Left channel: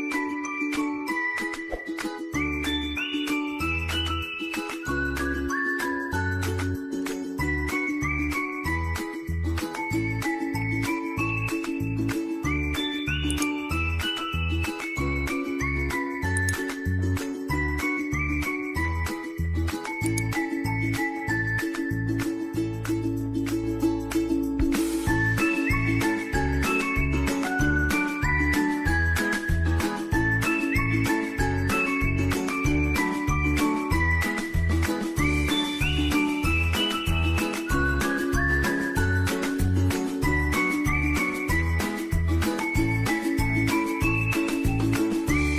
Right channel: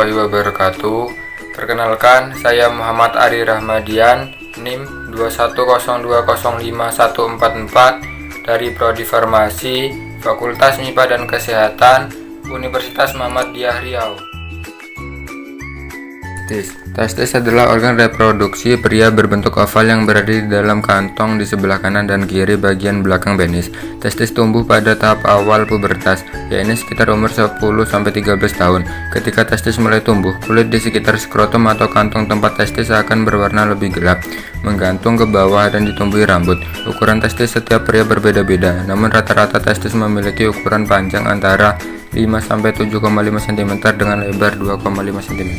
warahmatullahi wabarakatuh. Perkenalkan, saya Muhammad Ari Rahmadian, NIM 210205144 dari Prodi Farmasi, Fakultas MIPA dan Kesehatan, Universitas Muhammadiyah Riau. Testis adalah organ reproduksi pria berbentuk oval yang berada di dalam kantong di sebelah kanan dan kiri bagian belakang penis. Testis tumbuh pada tahap awal pubertas, yaitu sekitar umur 10-13 tahun. Ketika testis mulai tumbuh, kulit di sekitar skrotum atau kantong tempat testis akan berwarna lebih gelap, menggantung ke bawah dan ditumbuhi rambut. Ukuran testis setiap pria berbeda-beda, namun rata-rata testis memiliki ukuran panjang antara 5-7,5 cm dengan lebar 2,5 cm.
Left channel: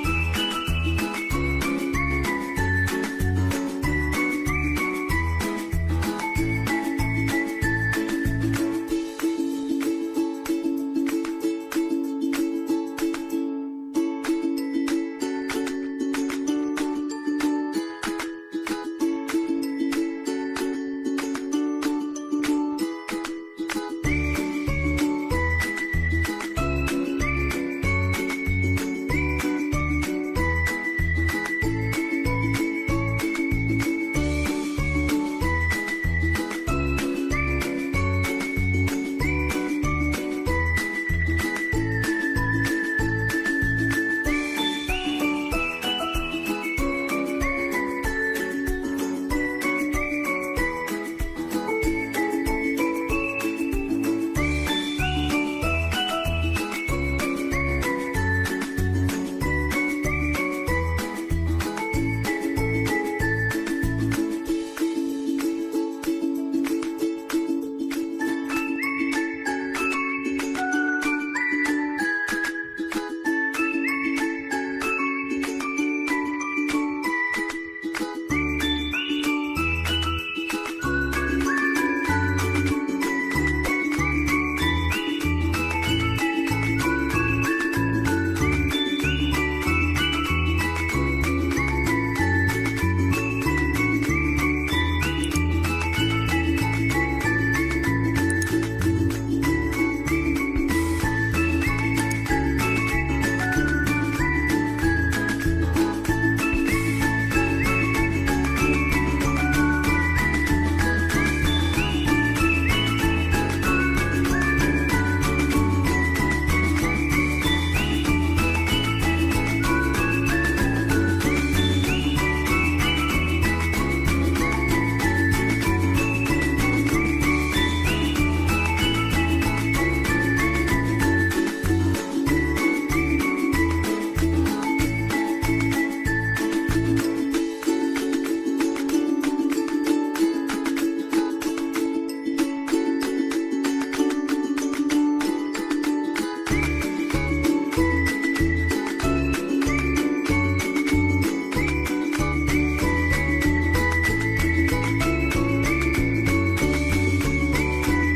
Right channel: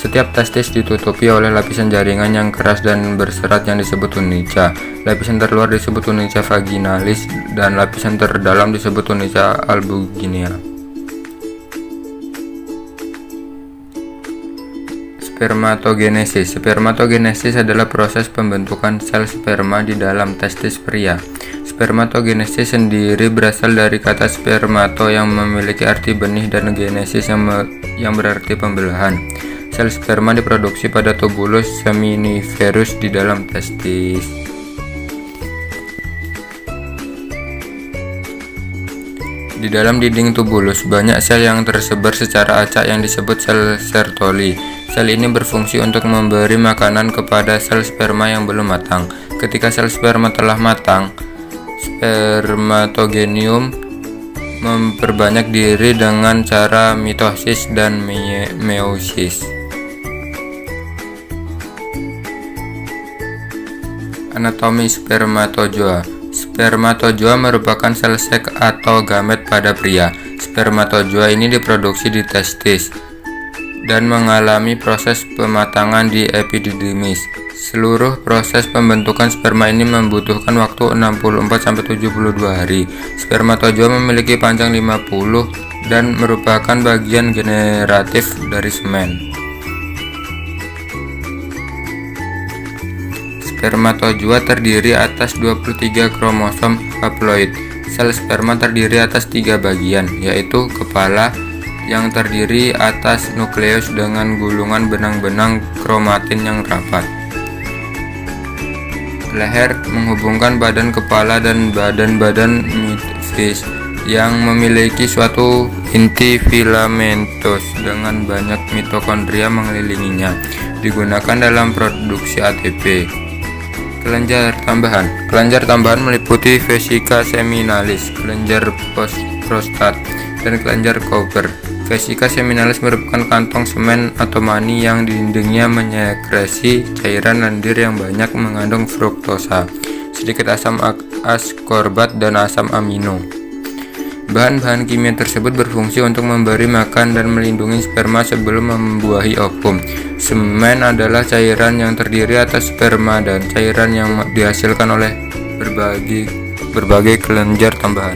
Setiap testis ditutupi oleh lapisan jaringan yang keras dan berserat yang disebut tunica. Lapisan terluar disebut tunica vaginalis dan lapisan terdalam disebut tunica albuginea. Spermatogenesis. Spermatogenesis adalah proses pembentukan sel sperma di dalam testis pria. Spermatogenesis sendiri berasal dari kata spermato yang memiliki arti benih dan genesis yang berarti pembelahan. Sel sperma diproduksi pada tubulus seminiferus di dalam testis. Di dalam dinding tubulus banyak sel yang tersebar secara acak yang disebut sel Sertoli. Sel ini berfungsi untuk memberi makanan kepada sel sperma yang belum matang. Ketika sel sperma telah matang, spermatogenium memperbanyak diri dengan cara mitosis dan meiosis. Anatomi spermatozoa. Spermatozoa merupakan sel seks atau gamet pada pria. Spermatozoa ini diproduksi di testis dan mengalami proses pematangan di epididymis. Seluruh proses pembentukan sperma ini membutuhkan waktu 64-72 hari. Spermatozoa memiliki panjang 50 dan merupakan bagian generatif dari semen. Spermatozoa terdiri atas 23 kromosom haploid. Sel sperma terdiri atas 3 bagian, yaitu kepala yang terdiri atas nukleus dengan gulungan benang-benang kromatin yang rapat. Leher menghubungkan badan kepala dan badan-badan mitofis yang memiliki suatu inti filamentos dengan banyak mitokondria mengelilinginya, digunakan dalam produksi ATP. Kelenjar tambahan meliputi vesika seminalis, kelenjar prostat, dan kelenjar Cooper. Vesika seminalis merupakan kantong semen atau mani yang di dindingnya menyekresi cairan lendir yang banyak mengandung fruktosa, sedikit asam askorbat dan asam amino. Bahan-bahan kimia tersebut berfungsi untuk memberi makan dan melindungi sperma sebelum membuahi ovum. Semen adalah cairan yang terdiri atas sperma dan cairan yang dihasilkan oleh berbagai kelenjar tambahan.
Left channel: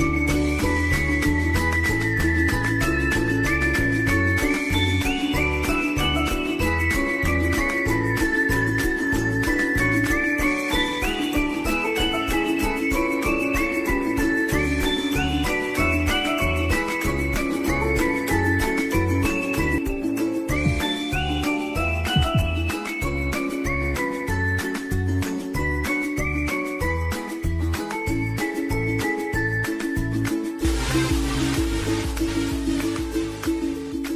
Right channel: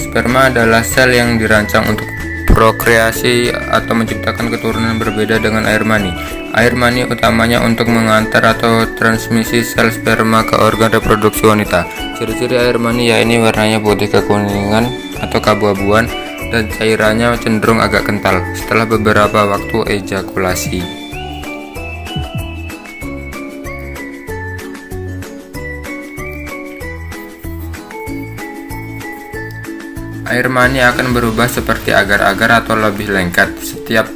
Sperma adalah sel yang dirancang untuk prokreasi atau menciptakan keturunan berbeda dengan air mani. Air mani utamanya untuk mengantar atau transmisi sel sperma ke organ reproduksi wanita. Ciri-ciri air mani yaitu warnanya putih kekuningan atau keabu-abuan dan cairannya cenderung agak kental setelah beberapa waktu ejakulasi. Air mani akan berubah seperti agar-agar atau lebih lengket setiap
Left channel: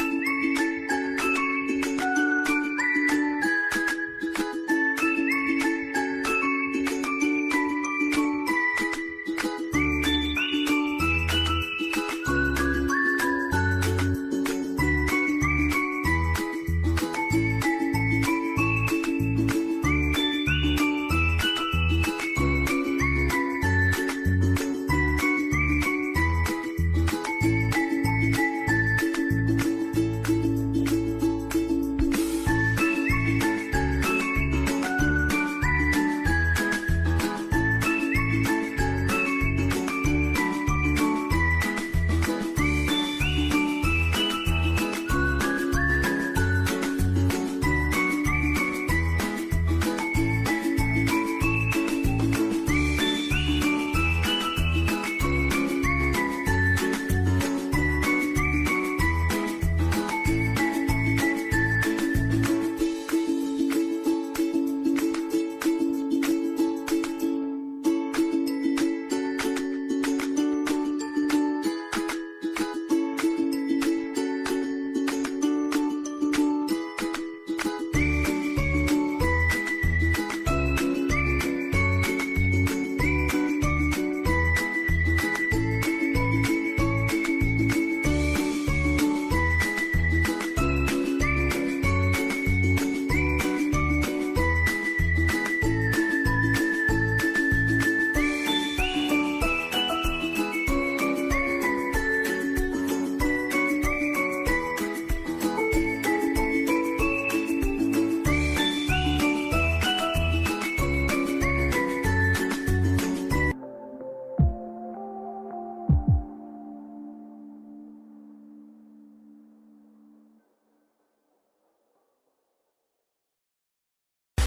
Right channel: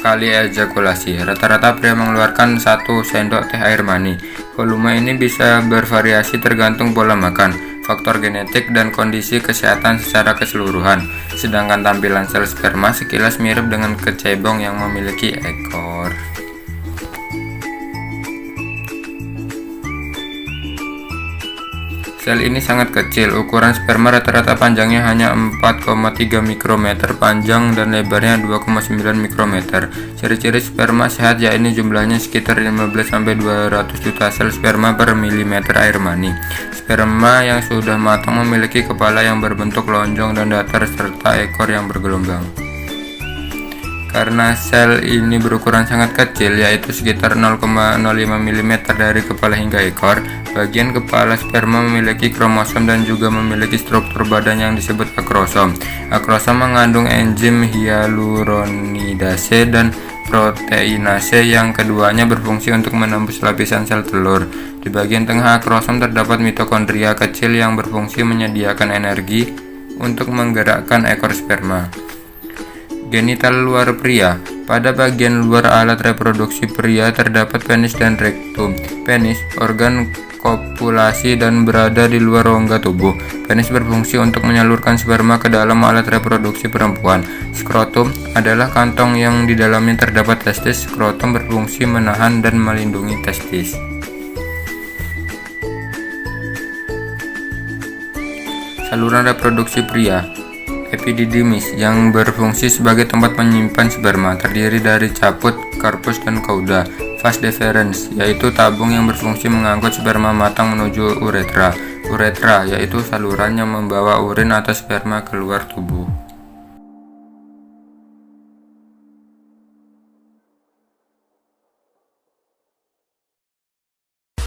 kali ejakulasi. Rata-rata pria mengeluarkan 1 sendok teh air mani. Volume ini bisa bervariasi tergantung pola makan, faktor genetik, dan kondisi kesehatan secara keseluruhan. Sedangkan tampilan sel sperma sekilas mirip dengan kecebong yang memiliki ekor. Sel ini sangat kecil. Ukuran sperma rata-rata panjangnya hanya 4,3 mikrometer panjang dan lebarnya 2,9 mikrometer. Ciri-ciri sperma sehat yaitu jumlahnya sekitar 15-200 juta sel sperma per milimeter air mani. Sperma yang sudah matang memiliki kepala yang berbentuk lonjong dan datar serta ekor yang bergelombang. karena sel ini berukuran sangat kecil, yaitu sekitar 0,05 mm dari kepala hingga ekor. Bagian kepala sperma memiliki kromosom dan juga memiliki struktur badan yang disebut akrosom. Akrosom mengandung enzim hyaluronidase dan proteinase yang keduanya berfungsi untuk menembus lapisan sel telur. Di bagian tengah akrosom terdapat mitokondria kecil yang berfungsi menyediakan energi untuk menggerakkan ekor sperma. Genital luar pria. Pada bagian luar alat reproduksi pria terdapat penis dan rektum. Penis, organ kopulasi dan berada di luar rongga tubuh. Penis berfungsi untuk menyalurkan sperma ke dalam alat reproduksi perempuan. Skrotum adalah kantong yang di dalamnya terdapat testis. Skrotum berfungsi menahan dan melindungi testis. Saluran reproduksi pria. Epididymis yang berfungsi sebagai tempat menyimpan sperma, terdiri dari caput, karpus, dan cauda. Vas deferens, yaitu tabung yang berfungsi mengangkut sperma matang menuju uretra. Uretra, yaitu saluran yang membawa urin atau sperma keluar tubuh.